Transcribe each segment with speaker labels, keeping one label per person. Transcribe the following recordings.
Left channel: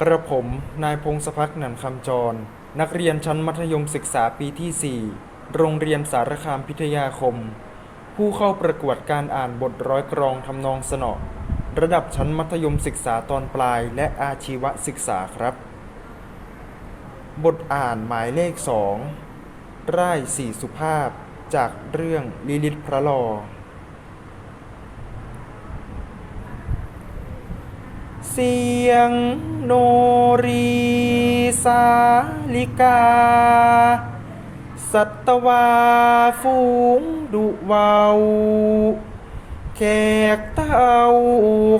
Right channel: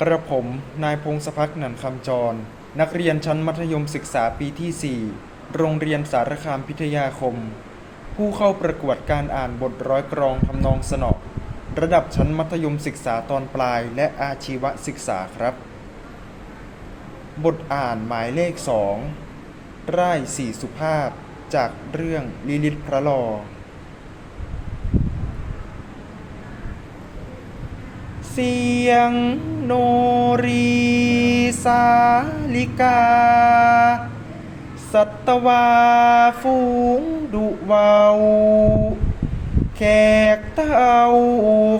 Speaker 1: กระผม นายพงศพักหนันคำจร นักเรียนชั้นมัธยมศึกษาปีที่ 4 โรงเรียนสารคามพิทยาคม ผู้เข้าประกวดการอ่านบทร้อยกรองทำนองสนอระดับชั้นมัธยมศึกษาตอนปลายและอาชีวศึกษาครับ บทอ่านหมายเลขสองร่ายสี่สุภาพ จากเรื่องลิลิตพระลอ เสียงโนรีสาลิกา สัตวาฟูงดุเวาวแขกเต้า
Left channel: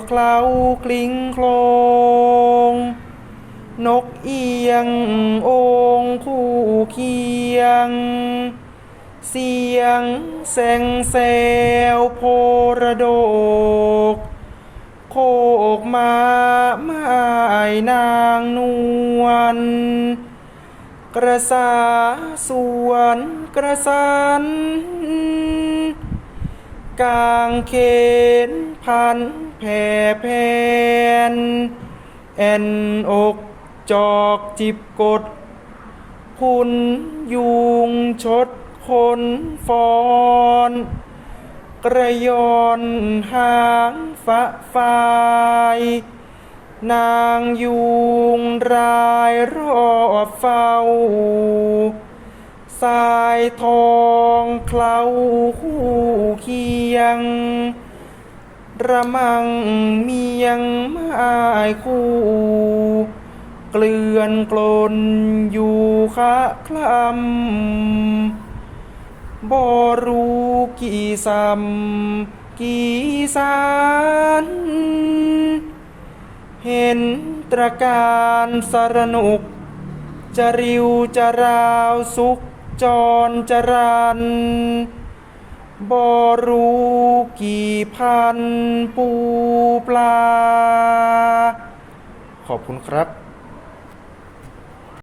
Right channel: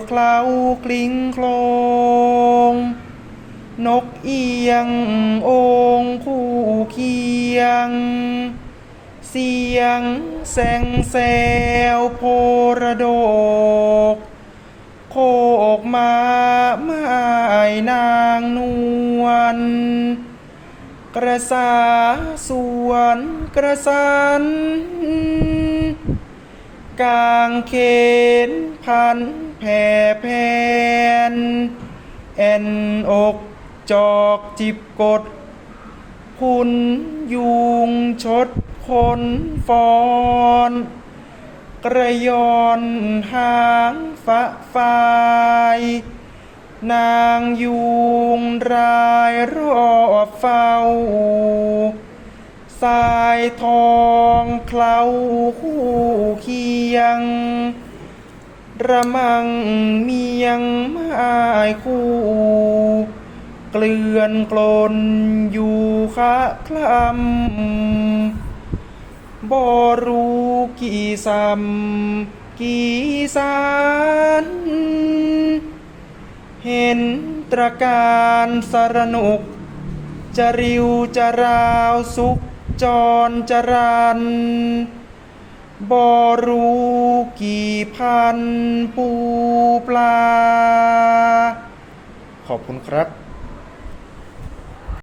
Speaker 1: เคล้ากลิ้งโคลง นกเอียงองค์คู่เคียง เสียงแสงแซวโพระโด นางนวลกระสาสวนกระสันกางเขนพันแผ่แผ่นแอนอกจอกจิบกดพุนยุงชดคนฟอนกระยอนหางฝะฟาย นางยุงรายรอบเฝ้า สายทองเคล้าคู่เคียง ระมังเมียงไม้คู่ เกลื่อนกลนอยู่คะคลำบ่รู้กี่ซ้ำกี่สาร เห็นตระการสรนุกจะริวจะราวสุขจรจรันบรู้กี่พันปูปลา ขอบคุณครับ